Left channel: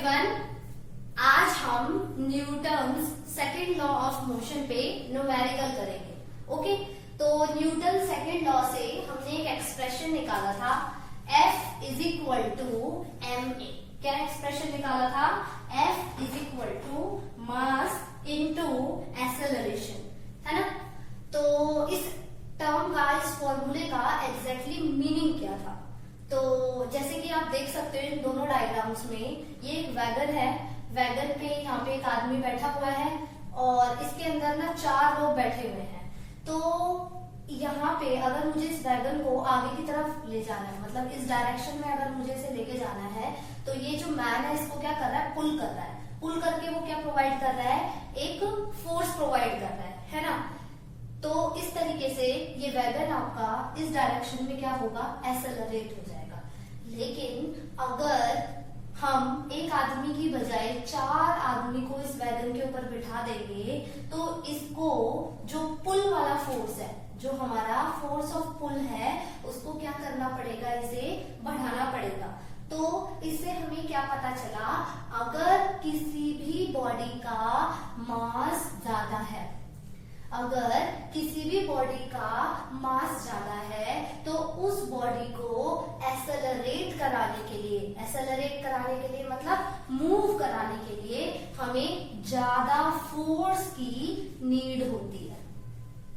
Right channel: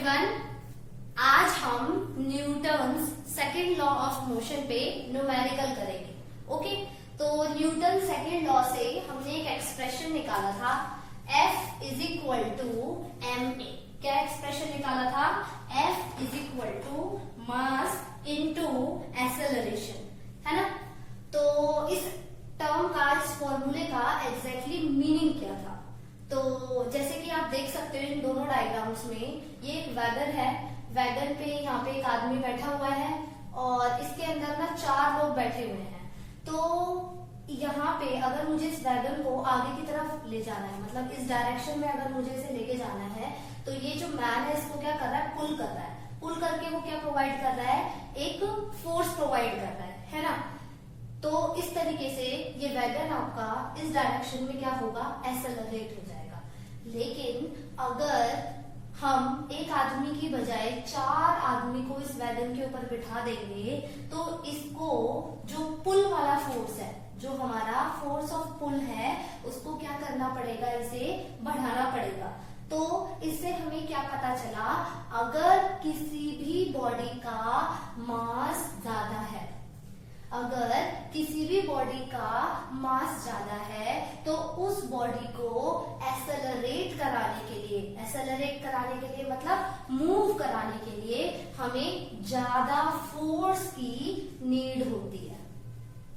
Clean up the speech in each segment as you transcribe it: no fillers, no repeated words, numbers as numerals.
Everyone, आज हम Newton's second law of motion पे न्यूमेरिकल करेंगे। ओके, तो न्यूटन सेकंड लॉ से हमने एक एक्सप्रेशन निकाला था F is equal to ma। क्या एक्सप्रेशन निकाला था? F is equal to mass into acceleration, है ना। तो इस टर्म का, इस फॉर्मूले का एग्जैक्टली मीनिंग क्या था? तो जैसे कि आप देख सकते हो इन दोनों डायग्राम्स में, ये एक वैगन है। वैगन पे यहाँ पे एक आदमी बैठा हुआ है और इसके अंदर ना 4 लोग बैठे हुए हैं। तो यहाँ पे अगर मुझे इस वैगन को आगे की तरफ ले जाना है, मतलब इस डायरेक्शन में अगर मुझे इसे लेके जाना है, तो ये जो मैन है इसको क्या कर रहा है? पुल कर रहा है। पुल करके वो क्या प्रोवाइड कर रहा है? एक फोर्स प्रोवाइड कर रहा है ना। तो इस तरीके से ये वैगन आपका इस डायरेक्शन में क्या होगा? एक्सेलरेट हो जाएगा। लेकिन अगर हम एक आदमी की बजाय 4 आदमी को इस वैगन के ऊपर बिठा देंगे, तो इसको जो पुल वाला फोर्स है, जो हमारा फोर्स ऑफ पुल है, उसको क्या करना पड़ेगा? इसे बढ़ाना पड़ेगा। तो इससे हमें क्या पता चला? अगर किसी भी बॉडी का मास ज्यादा है, अगर किसी भी बॉडी का मास ज्यादा है, तो उस बॉडी को एक्सेलरेट कराने के लिए मतलब मूव कराने के लिए हमें ज्यादा फोर्स की नीड होती है।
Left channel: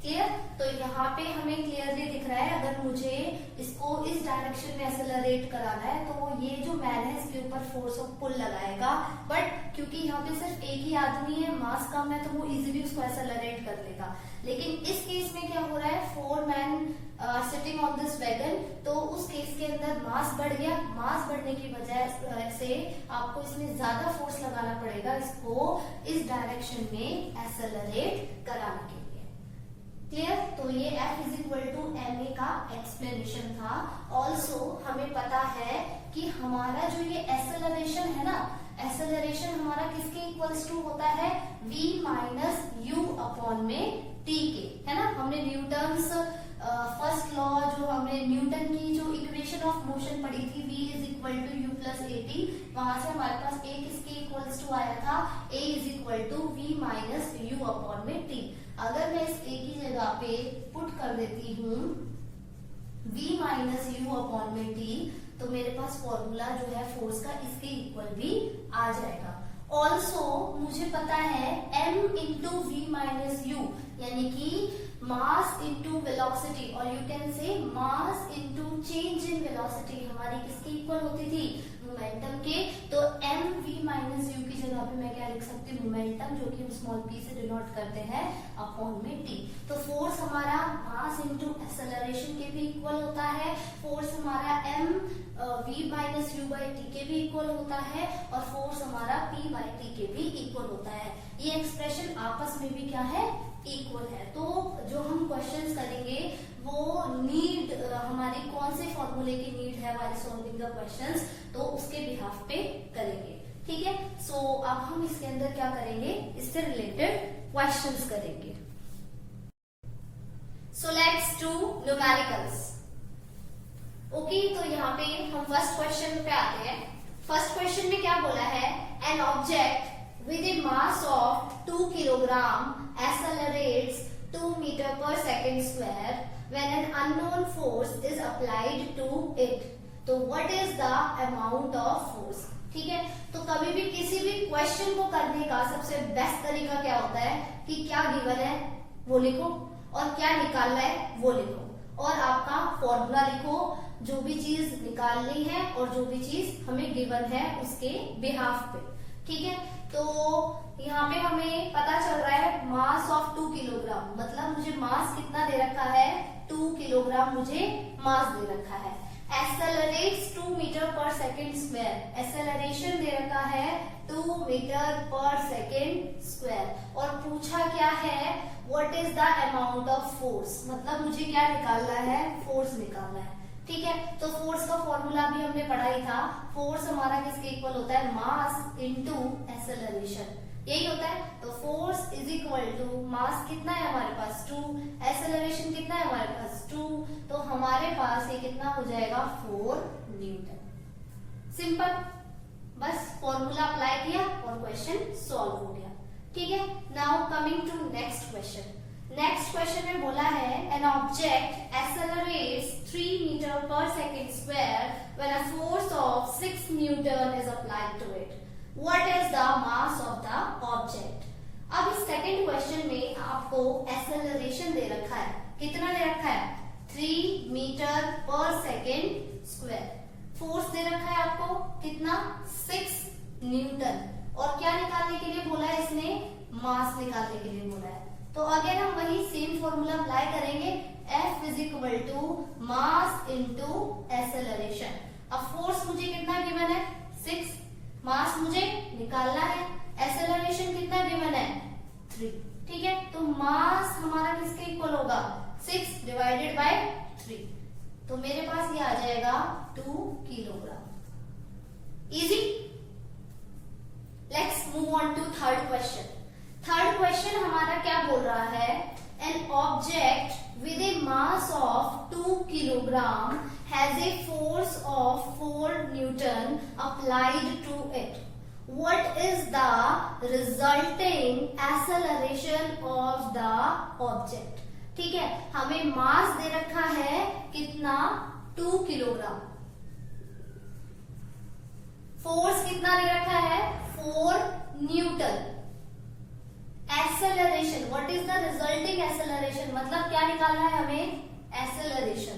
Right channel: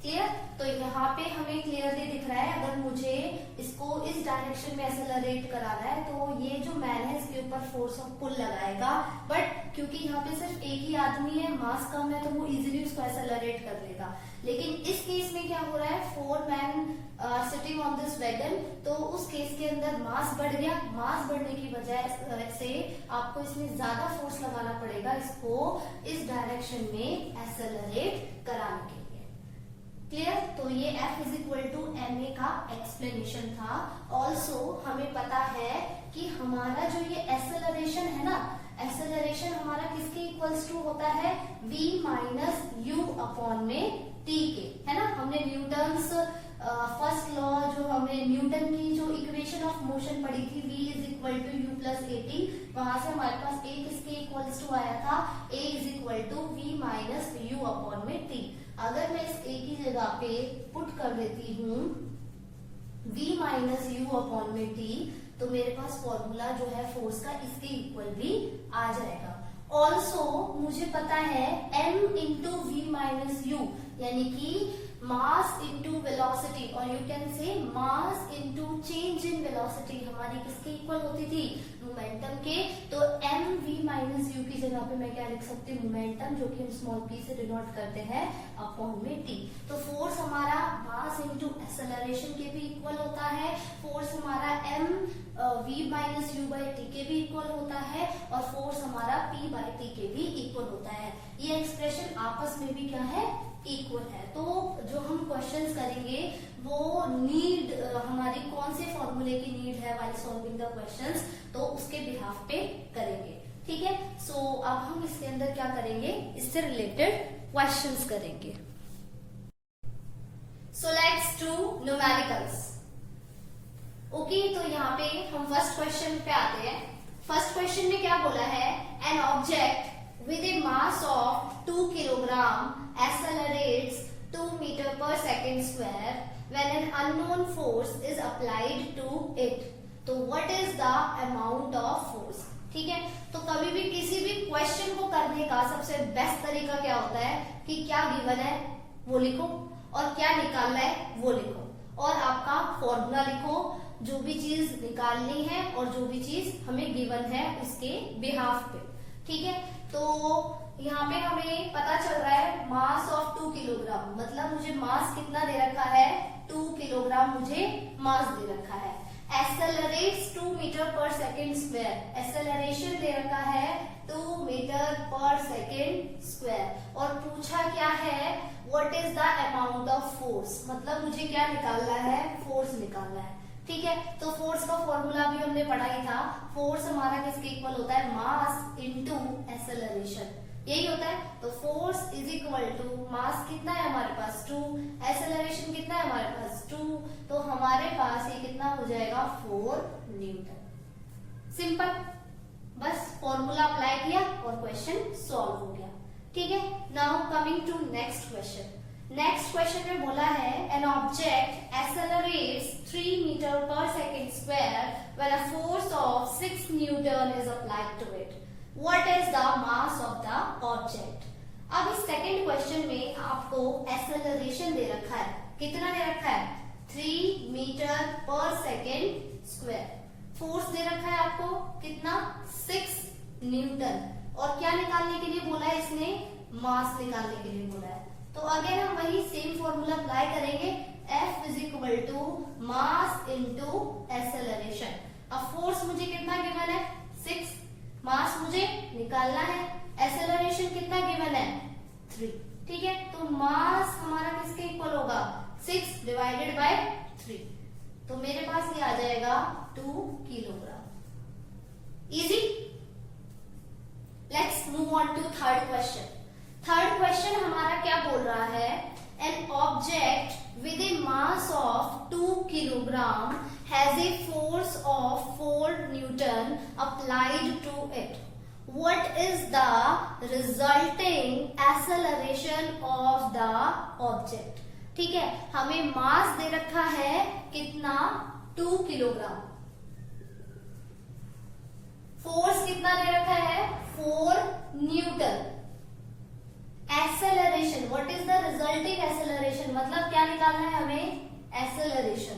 क्लियर? तो यहाँ पे हमें क्लियरली दिख रहा है, अगर मुझे इसको इस डायरेक्शन में एक्सेलरेट कराना है, तो ये जो मैन है इसके ऊपर फोर्स ऑफ पुल लगाएगा। बट क्योंकि यहाँ पे सिर्फ एक ही आदमी है, मास कम है, तो वो इजीली उसको एक्सेलरेट कर देगा। लेकिन इस केस में क्या हो रहा है? 4 man sitting on this wagon, तो उस केस के अंदर मास बढ़ गया। मास बढ़ने की वजह से आपको इसमें ज्यादा फोर्स लगाना पड़ेगा, इसको इस डायरेक्शन में एक्सेलरेट कराने के लिए। क्लियर? तो ये F is equal to ma का एक्सप्लेनेशन था। ऑल्सो हमें पता है कि हमारा जो ये एक्सेलरेशन है ना, एक्सेलरेशन हमारा किसके इक्वल्स टू होता है? v माइनस यू अपॉन में t के, है ना। हमने न्यूटन्स फर्स्ट लॉ, जो हमने न्यूटन की जो इक्वेशन ऑफ मोशन पढ़ी थी, v is equal to u plus a t, वहां से हमारे पास a किसके इक्वल्स टू आया था? a is equal to v minus u upon में t। अगर मैं इस a की जगह पे पुट कर देती हूँ v माइनस यू अपॉन में t, तो मेरे पास फॉर्मूला जो है फोर्स का इसके इक्वल भी आ जाएगा। ऑल्सो मुझे पता है m into v minus u, यानी कि मास इंटू वेलोसिटी, और you can say mass into change in velocity हमारी किसके इक्वल होती थी? मोमेंटम के। तो एम वी माइनस यू की जगह पे मैं क्या लिख सकती हूँ? मोमेंटम, जो कि हम स्मॉल p से डिनोट करते हैं, अपॉन में t। तो फोर्स हमारा मास इंटू एक्सेलरेशन के भी इक्वल होता है, फोर्स हमारा m v minus you by T के भी इक्वल होता है, और फोर्स हमारा p बाई टी के भी इक्वल होता है। ये एक्सप्रेशन आपस में भी क्या है? इक्वल है। तो जो हम क्वेश्चंस करेंगे वो नीड हमारी कौन से फॉर्मूले की नीड है वाली सॉल्विंग द क्वेश्चंस, तो उसके बिहाफ पे करेंगे। ठीक है। सो अब हम इसके अंदर क्या करेंगे? इससे रिलेटेड क्वेश्चंस करेंगे। So let's do numericals. Okay, तो यहाँ पे हम फर्स्ट क्वेश्चन पे आते हैं। फर्स्ट क्वेश्चन में क्या बोला है? An object with a mass of 2 kilogram accelerates 2 meter per second square when an unknown force is applied to it. तो what is the amount of force? ठीक है। तो कभी भी किसी भी क्वेश्चन को करने का सबसे बेस्ट तरीका क्या होता है कि क्या गिवन है वो लिखो, और क्या निकालना है वो लिखो, और आपका फॉर्मूला लिखो, जो भी चीज निकालनी है और जो भी चीज हमें गिवन है उसके बिहाफ पे। ठीक है। तो यहाँ पे हमें पता चल रहा है मास ऑफ 2 किलोग्राम, मतलब मुझे मास कितना दे रखा है? 2 किलोग्राम मुझे मास दे रखा है। Accelerates 2 metre per second square, acceleration दे रखा है 2 मीटर पर सेकेंड स्क्वायर, और पूछा क्या है? What is the amount of force, मतलब मुझे क्या निकालना है? फोर्स निकालना है। ठीक है। तो फोर्स का फॉर्मूला भी हमने पढ़ा ही था। फोर्स हमारा किसके इक्वल होता है? मास इनटू एक्सेलरेशन, यही होता है। तो force is equal to mass कितना है हमारे पास? 2, एक्सेलरेशन कितना है हमारे पास? 2, तो हमारे पास ये कितना हो जाएगा? 4 न्यूटन। सिंपल। बस फॉर्मूला अप्लाई किया और क्वेश्चन सॉल्व हो गया। ठीक है, now coming to next question. Next question में बोला है an object accelerates 3 metre per second square when a force of 6 newton is applied to it. What is the mass of the object. अब इस second question में आपको acceleration दे रखा है, कितना दे रखा है 3 metre per second square. Force दे रखा है आपको कितना 6 न्यूटन, और क्या निकालने के लिए बोला है इसने, मास निकालने के लिए बोला है। तो अगेन हम वही सेम फॉर्मूला अप्लाई करेंगे, F is equal to mass into acceleration. अब फोर्स मुझे कितना गिवन है 6, मास मुझे निकालना है, एक्सेलरेशन कितना गिवन है 3। ठीक है, तो मास हमारा किसके इक्वल होगा 6 डिवाइडेड बाय 3, तो मेरे पास ये आ जाएगा 2 kilogram. Easy. Let's move on to third question. Third question हमारा क्या बोल रहा है, an object with a mass of 2 kilogram has a force of 4 newton applied to it. What is the resulting acceleration of the object। ठीक है, हमें मास दे रखा है कितना 2 किलोग्राम, फोर्स कितना दे रखा है 4 newton. Acceleration, what is the resulting acceleration, मतलब क्या निकालना है हमें एक्सेलरेशन।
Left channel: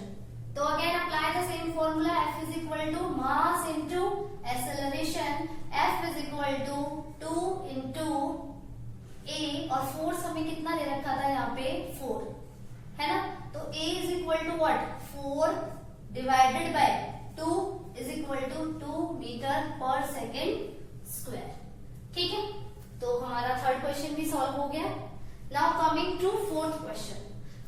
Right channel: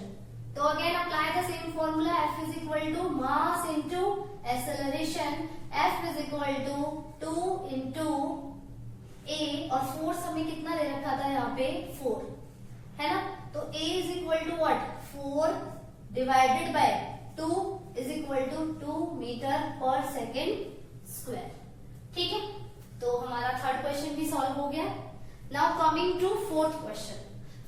तो again apply the same formula, F is equal to mass into acceleration. F is equal to 2 into A, और फोर्स हमें कितना दे रखा था यहाँ पे 4, है ना। तो A is equal to what 4 divided by 2 is equal to 2 metre per second square. ठीक है, तो हमारा थर्ड क्वेश्चन भी सॉल्व हो गया। Now coming to fourth question.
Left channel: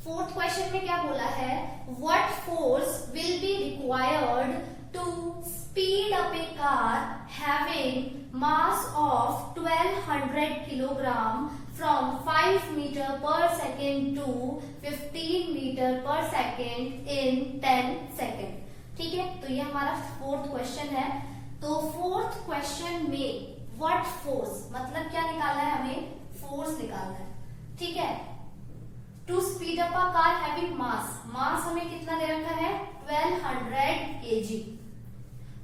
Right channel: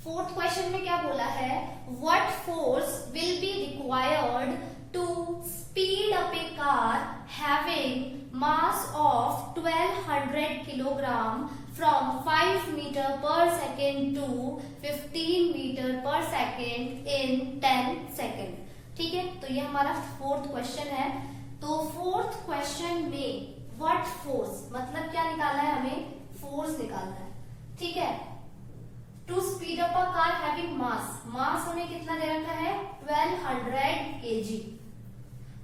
Fourth question में क्या बोला है, what force will be required to speed up a car having mass of 1200 kilogram from 5 metre per second to 15 metre per second in 10 second. ठीक है, तो ये हमारा fourth question है। तो फोर्थ क्वेश्चन में व्हाट फोर्स, मतलब क्या निकालना है हमें, फोर्स निकालना है। ठीक है, to speed up a car having mass, mass हमें कितना दे रखा है 1200 kg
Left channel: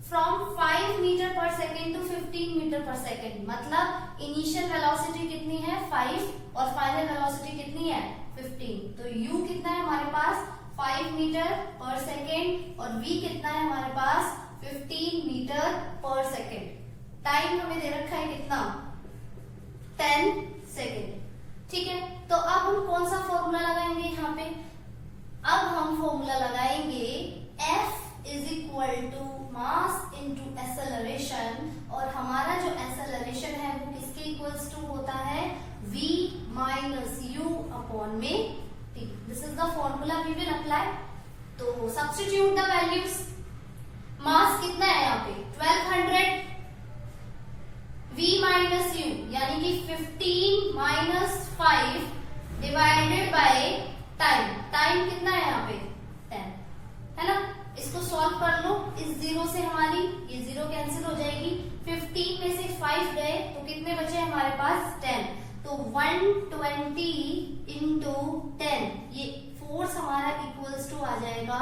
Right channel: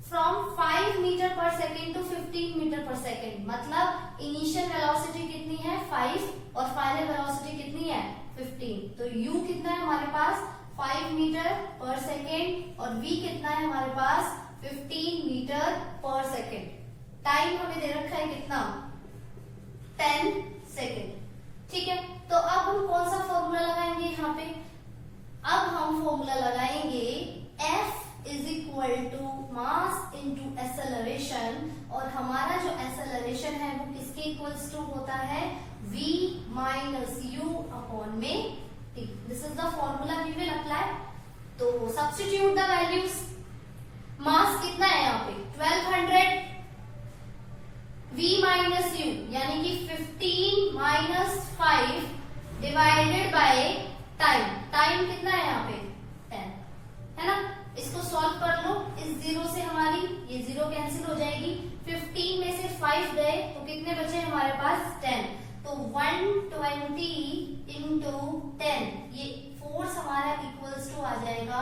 from 5 metre per second to 15 metre per second, मतलब इनिशियल वेलोसिटी कितनी है 5 और फाइनल वेलोसिटी कितनी है 15। तो u कितना है हमारे पास 5 मीटर पर सेकेंड और v कितना है हमारे पास 15 मीटर पर सेकेंड। टाइम हमें दे रखा है कितना 10 सेकेंड। ठीक है, तो अब हम कौन सा फॉर्मूला लगाएंगे यहाँ पे, अब हम फॉर्मूला लगाएंगे F is equal to mass into acceleration, और हमारा जो एक्सेलरेशन है वो किसके इक्वल्स टू होता है v माइनस u अपॉन में t। This is the formula we will apply. तो सब्स्टिट्यूट द वैल्यूज, मास कितना है यहाँ पे 1200, v माइनस u यानी कि 15 minus 5 divided by time, time कितना है यहाँ पे 10, है ना। इसको सॉल्व कर लो, इस 0 से हमारी ये 0 कैंसिल हो जाएगी, 15 में से 5 गए तो कितने बचे हमारे पास 10, तो 120 इंटू 10, ये फोर्स हमारा इक्वल्स टू आ जाएगा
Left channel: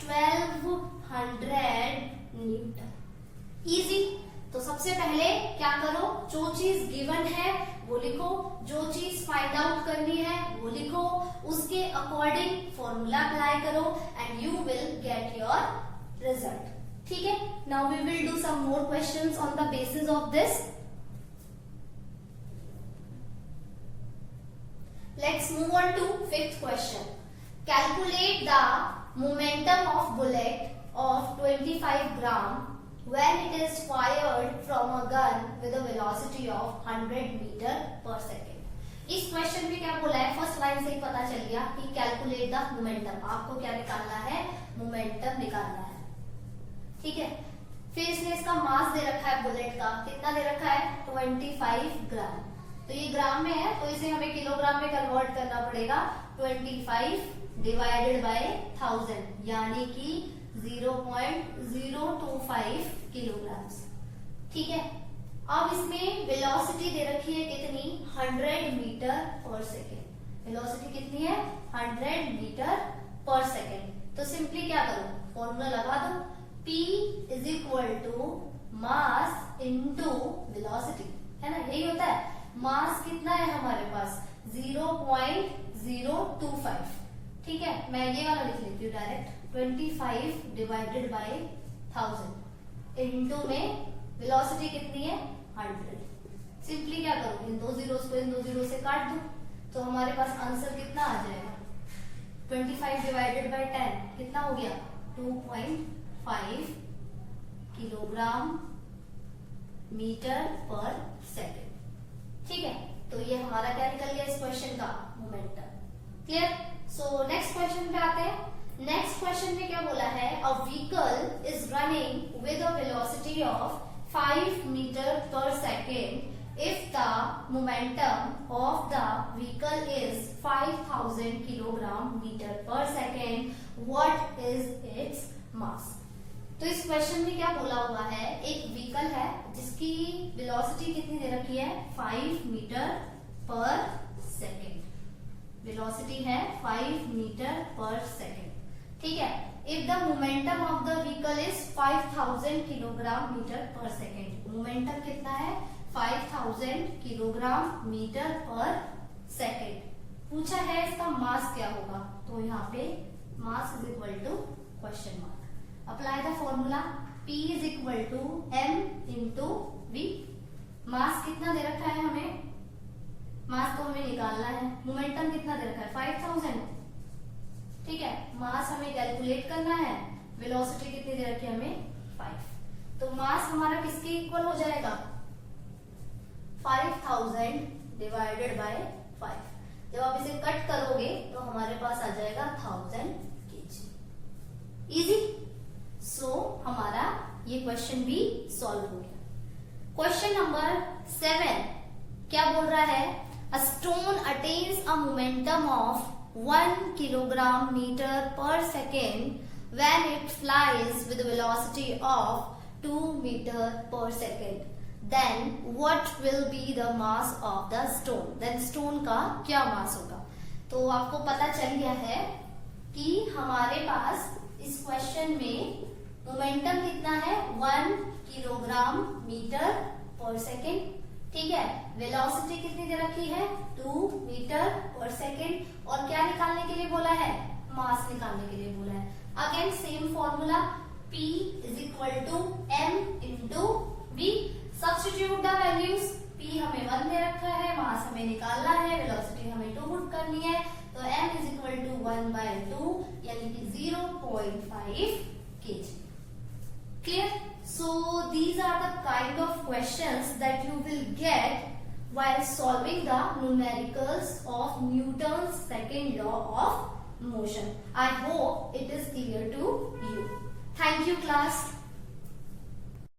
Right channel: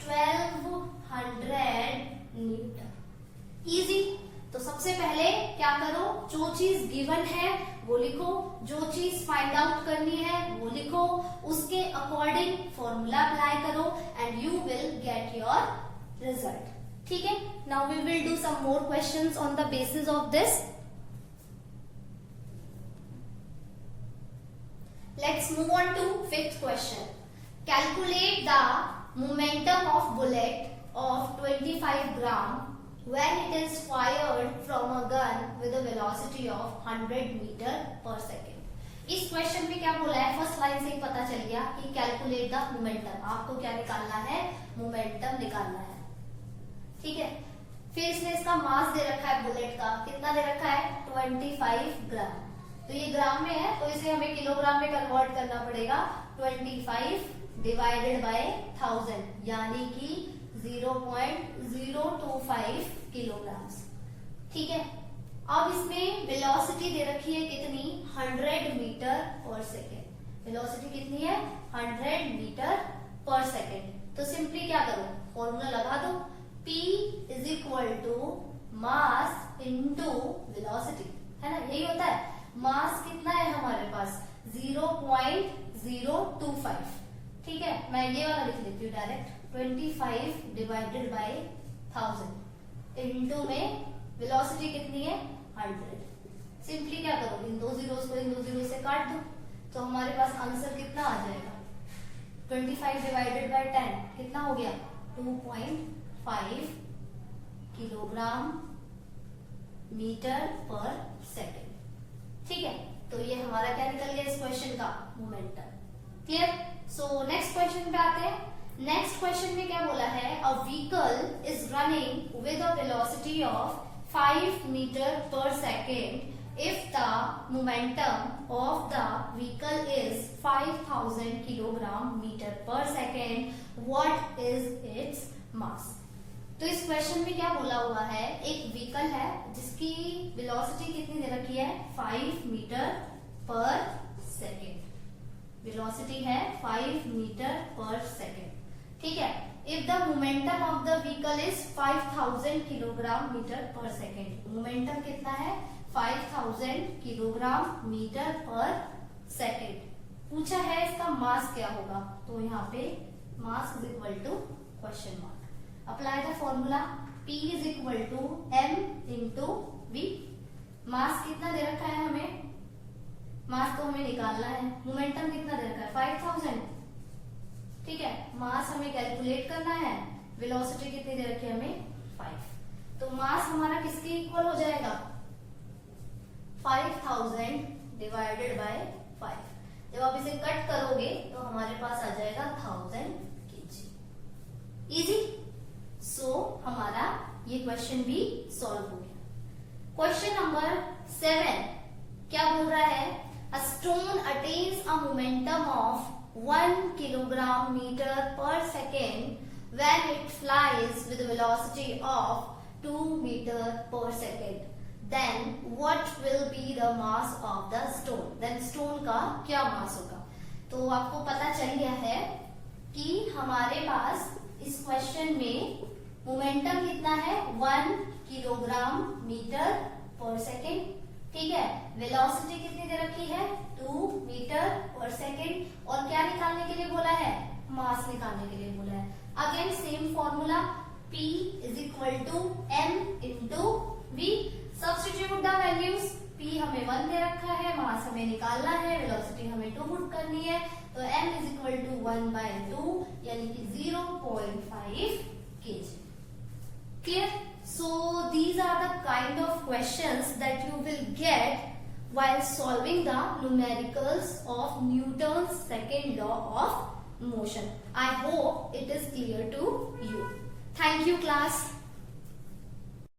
1200 न्यूटन। इजी। तो सबसे पहले क्या करो, जो चीज गिवन है वो लिखो, जो चीज फाइंड आउट करनी है वो लिखो, उसके अकॉर्डिंग फॉर्मूला अप्लाई करो and you will get your result. ठीक है, now we will do some more questions on the basis of this. Let's move on to fifth question. Calculate the momentum of bullet of 25 gram when it is fired from a gun with a velocity of 100 meter per second। इस question में क्या बोला है, first line से ही पता चल गया कि कैलकुलेट द मोमेंटम, आपको क्या निकालना है मोमेंटम निकालना है। ठीक है, फिर इसने इसका मास दे रखा है बुलेट का, कितना दे रखा है 25 ग्राम, तो ये ग्राम में है तो इसे हमें किलोग्राम में कन्वर्ट करना पड़ेगा। 25 डिवाइडेड बाय 1000 यानी कि 0.025 किलोग्राम। ठीक है। अब इसमें वेलोसिटी दे रखी है कितनी, 100 मीटर पर सेकेंड। वेलोसिटी कितनी है, 100 मीटर पर सेकेंड। तो सिंपली क्या करो, फॉर्मूला लगा दो, P is equal to mass into velocity, है ना, यही होता है। मास कितना है हमारे पास, 0.025, ठीक है। मैं ये वाला लिख लेती हूँ डायरेक्ट, 25 डिवाइडेड बाई 1000 इंटू में वेलोसिटी कितनी है, 100। सिंपली क्या करो, इन दो जीरोस को इन दो जीरो से काट दो, तो हमारे पास आंसर कितना आ जाएगा, 25 डिवाइडेड बाई 10 कितना हो गया, 2.5 किलोग्राम मीटर पर सेकेंड, ठीक है। तो ये हमारा क्या निकल गया इस क्वेश्चन का, momentum. Clear. So next question पे आते हैं। नेक्स्ट क्वेश्चन में क्या बोला है, a vehicle is running with a velocity of 5 metre per second if the momentum of the vehicle is 5000 kilogram meter per second, what is its mass? तो इस question में क्या बोला हुआ है, एक व्हीकल है जिसकी वेलोसिटी कितनी दे रखी है, 5 मीटर पर सेकेंड। वेलोसिटी है 5 मीटर पर सेकेंड, ठीक है। If the momentum of the vehicle is 5000 kilogram meter per second, momentum कितना है, 5000 किलोग्राम मीटर पर सेकेंड। पूछा है इसका मास क्या होगा, तो यहाँ पे mass is equal to question mark. Apply the formula, P is equal to M into V। Mass कितना दे रखा है हमें, मास को हमें निकालना है, मोमेंटम कितना दे रखा है, 5000, ठीक है। मास हमें कैलकुलेट करना है, वेलोसिटी कितनी दे रखी है हमें, 5। तो मास हमारा किसके इक्वल हो जाएगा, 5000 डिवाइडेड बाय 5। जब आप इसे कट करोगे तो हमारे पास आ जाएगा 1000 kg। इजी। सो हमारा ये क्वेश्चन भी सॉल्व हो गया। क्वेश्चन नंबर 7 क्या बोल रहा है, a stone attains a momentum of 1 kilogram meter per second when it flies with a velocity of 2 meter per second. Then what will be the mass of the stone? Then stone का क्या मास होगा? तो आपको पता चल गया है कि हमारे पास इस क्वेश्चन में मोमेंटम कितना है, 1 किलोग्राम मीटर पर सेकेंड, ठीक है। वेलोसिटी कितनी दे रखी है, 2 मीटर पर सेकेंड, और क्या निकालने के लिए बोला है, मास निकालने के लिए बोला है। Again same formula, P is equal to M into V। Substitute the values, P हमें 1 दे रखा है, मास हमें निकालना है, वेलोसिटी हमें 2 पुट करनी है, तो M इज इक्वल टू 1/2 यानी कि 0.5 kg। Clear? So these are the kind of questions that you will get while solving the numericals of Newton's second law of motion. I hope it is clear to you. Thank you, class.